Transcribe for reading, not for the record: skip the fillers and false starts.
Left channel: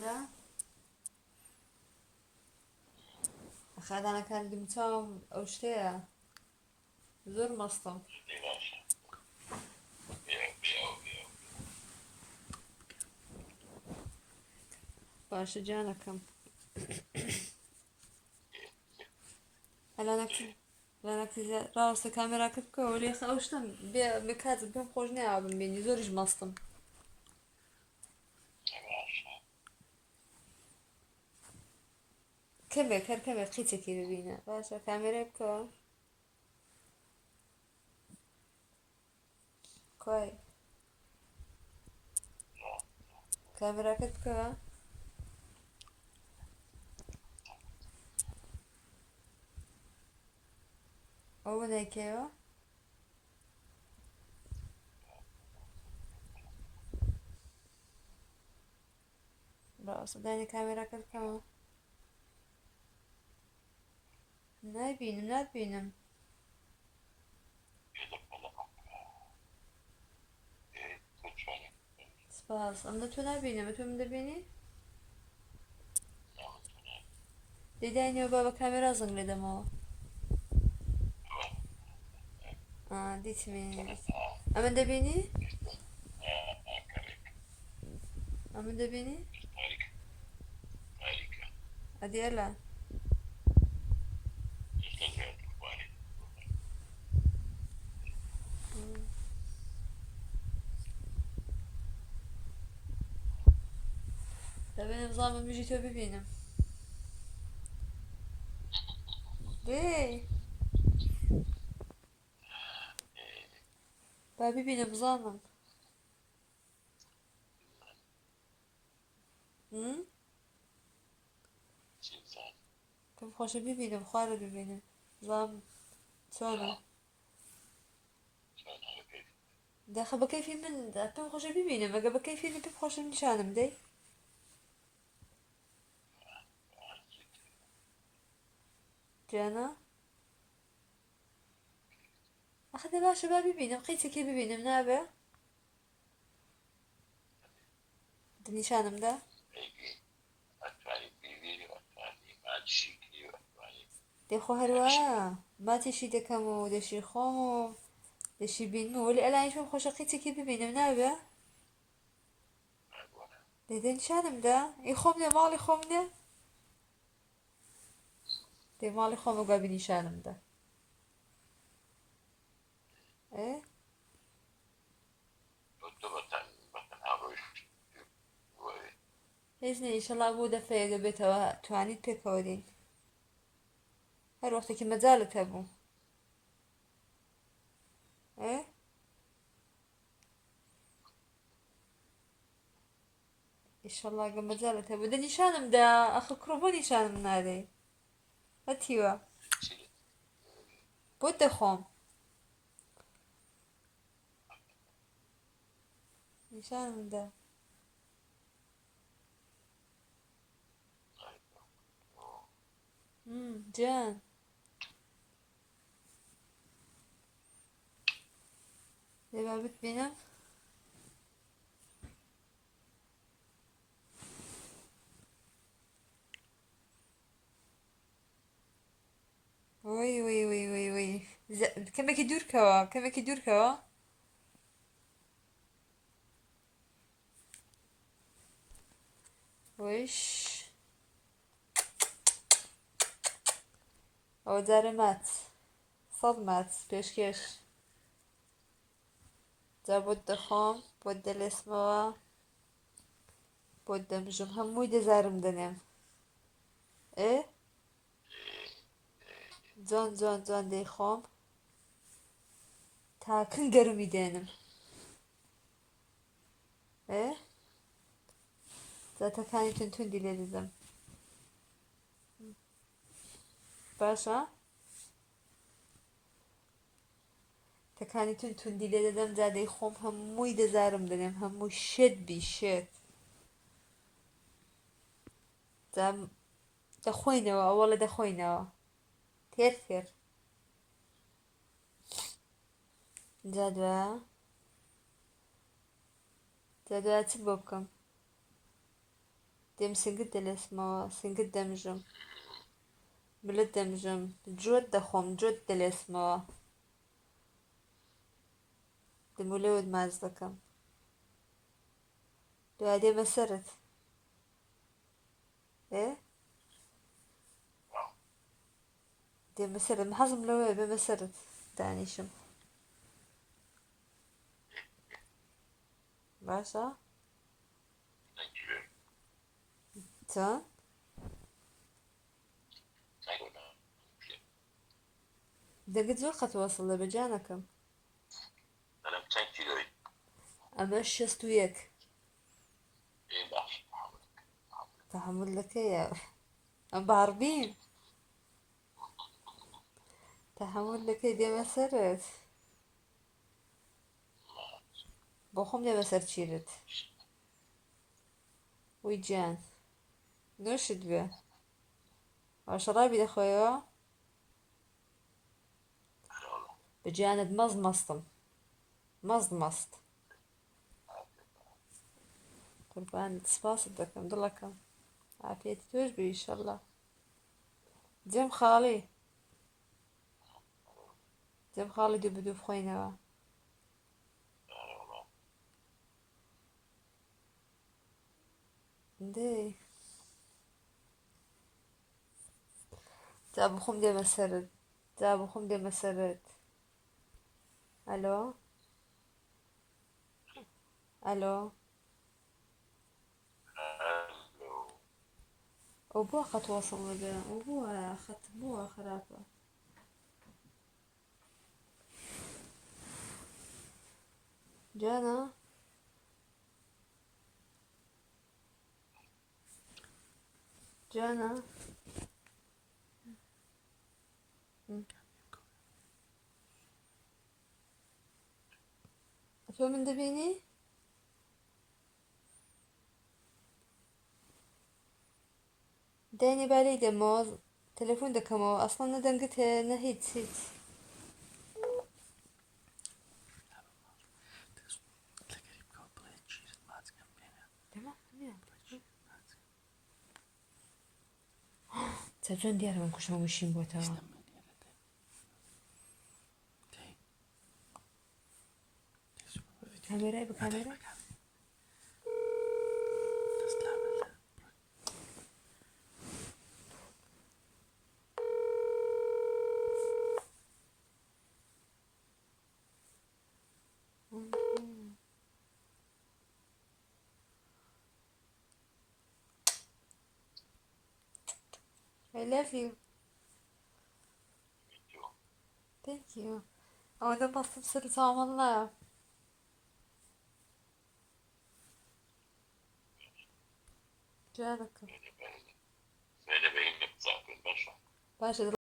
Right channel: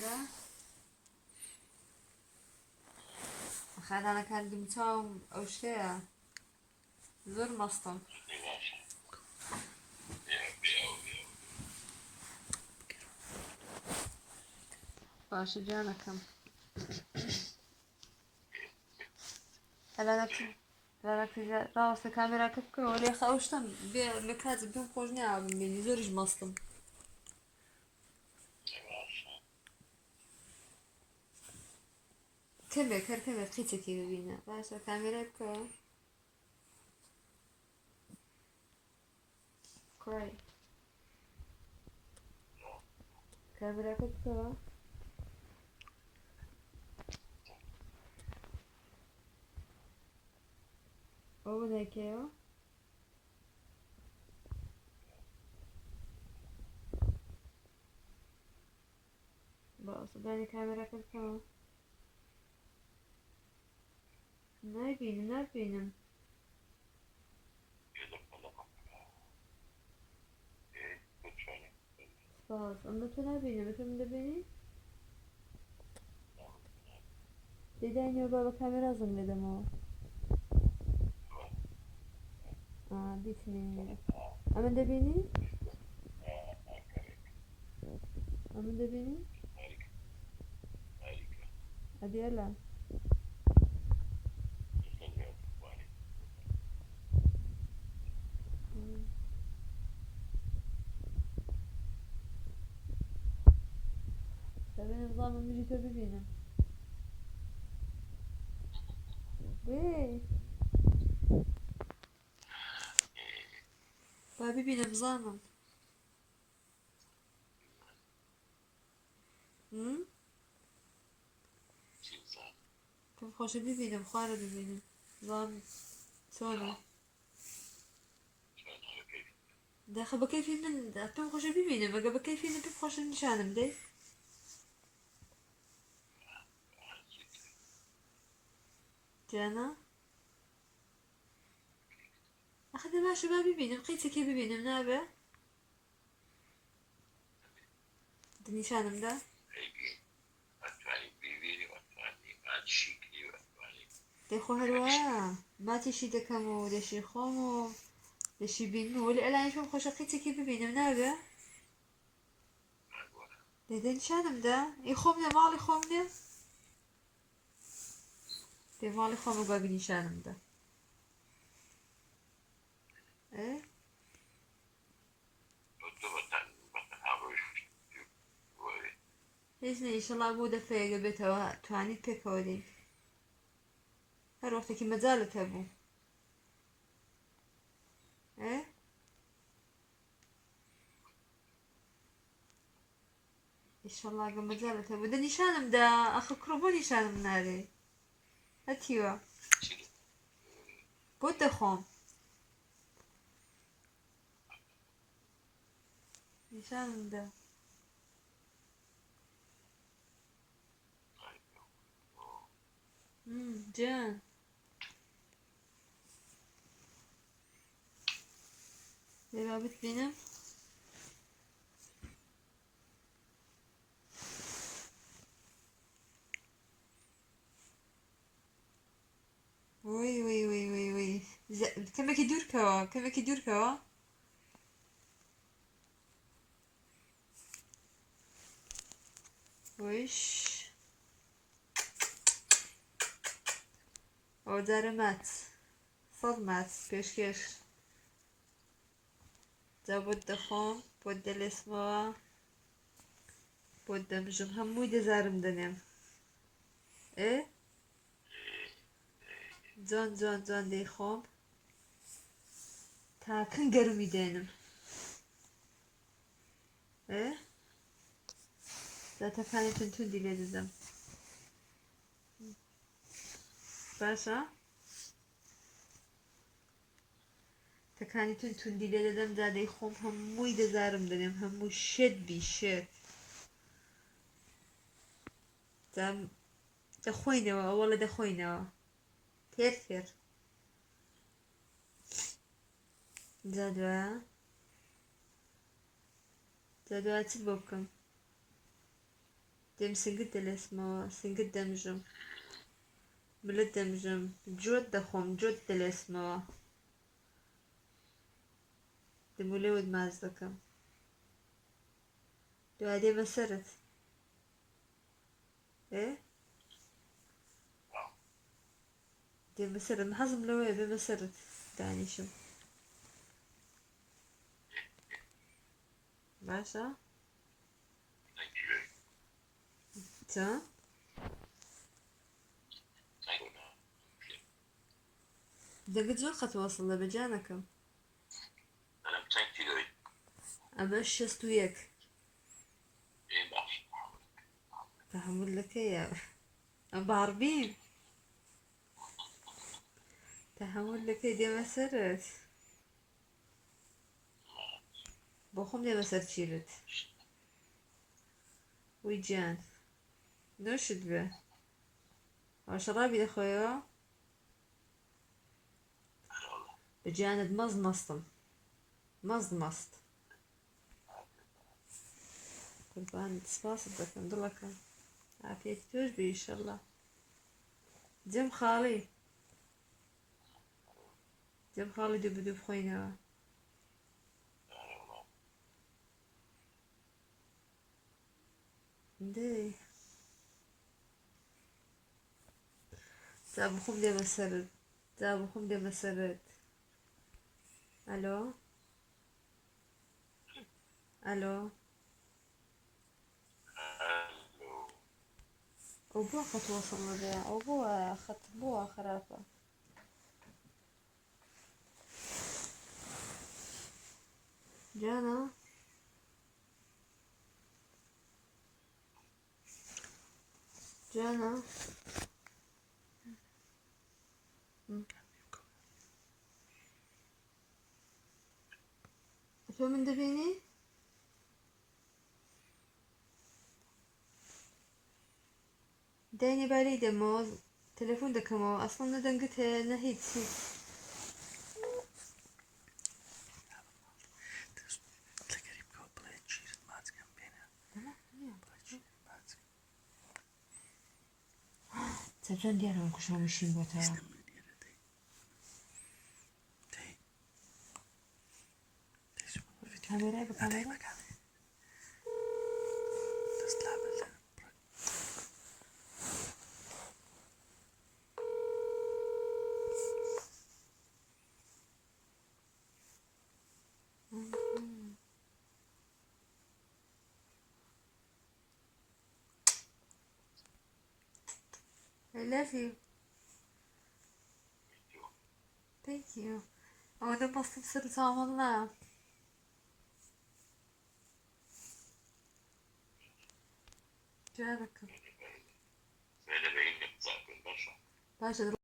بۆرە خادانەکانی چاوم ئەو شتەیە زۆر مەستم باشە جانەکەم ڕاوەستە کامێراکە بکەوە لێ ئەو شتم کاتت پێم خۆش نایە ببینی زۆریش مەستم کەمێک هەر کەمێک قیچێکی ببینە باشە کامێرای بکەوە کوای کامێراکەت بکەوە ئەوە نایکەوە ڕاستە دانی کامێراکەت بکەوە نابینم سپاس ئەمە تۆ نابینم تۆ من دەبینی دەیدانیەوە با بە کامێرا زەنگ لێ دەمەوە دیتمی ئەمە دەبینی ئەمە دەبینی ئەدیێلا دەبێنم زانم مژی تۆ ببینم دێ با ببینم زانم پێم خۆشە ببینم خوارە ببینم زانم چۆنە داخە بە کەیفی من پێم خۆشە ببینم ئەگە بە کەیفی پێم خۆشە نیشانم دەی جانە ئەخە دە باشە با ببینم قیچێکی ببینم نابێ نیشانم دا دێخۆ هەروە ماتێشی دەکەم و دەشی خۆم و دەشی بینم وەلی ئەلایش پێم خۆشە قیچێکی ببینم نابێ دەدە نیشانم دا ئەی خۆم نێ ماڵی خۆم نێ دێ ماڵی خۆمە با بنیشانم دا هیچ نە ئیشەڵا بۆ دەفەیەگە بێتەوە توانیت پێکەوە دێی هەر وەختێکی مەجالت هەبوو ئیشەڵا گە مەجالت هەبوو دە نیشانم دا ئەخە کوڕە بۆ نیشانم نادەی هەتیوە بۆ دەخۆم نیشانم دا جان لێ با بتبینم وی کەمێکی دوورکەوە وش ئەوە جارە مات 100 مات پێشکەش جا بۆت دەخۆم بۆت دەلێسمەوە بۆت دەمژم هەمووی دەزارم دەنێم جوان دەیخۆم تاکن گەرمی دێنم زاتەکانی توندی لێ دەدەم باشە تەکانی توندی لێ دەدەم جا دەیخۆم هەمووی دەزارم دەنێم هەمووی شێت بیشێت جا دەخۆینەوە ئەوەڵە دەخۆینەوە تێر جا دوایە چ بۆ بکەم ديم سنجد الاسمه سنجد دمجم ملد دمجم جود دخوم جود الاسمه دمولود مازدكم دو هادي مسرت ايه دي مسرت محظم لو ايه بمسرت تاني شم باشا تا ده قد وقت وصل لبجانكم امشست وياك تحمل لك ايه ام بعربين تحمل لك ايه دي مسرت بخوم دي مسرت شيرت ويجان نوشد به وشرابي يا خويا بجاند مزمصتم مزمصت قربان تصباص بدكم دلكم عافيتي توجبي ان شاء الله دم خالي دم خالي دوب دوب خوينا دي تابو خم دي مسرد تابو خم دي مسرد الو الو وبوا خط وصل لدي وبوا خط بوا خرافة جانا جانا شو من دبيني داني بالي دموز تليفون دكمو اصلا ندنقت نهيت سيت تلفون ديالهم كلشي ماشيين بوتا كاميرا بكاميرا I love you thank you أنا بصي بصير تعمل الله جارك باشا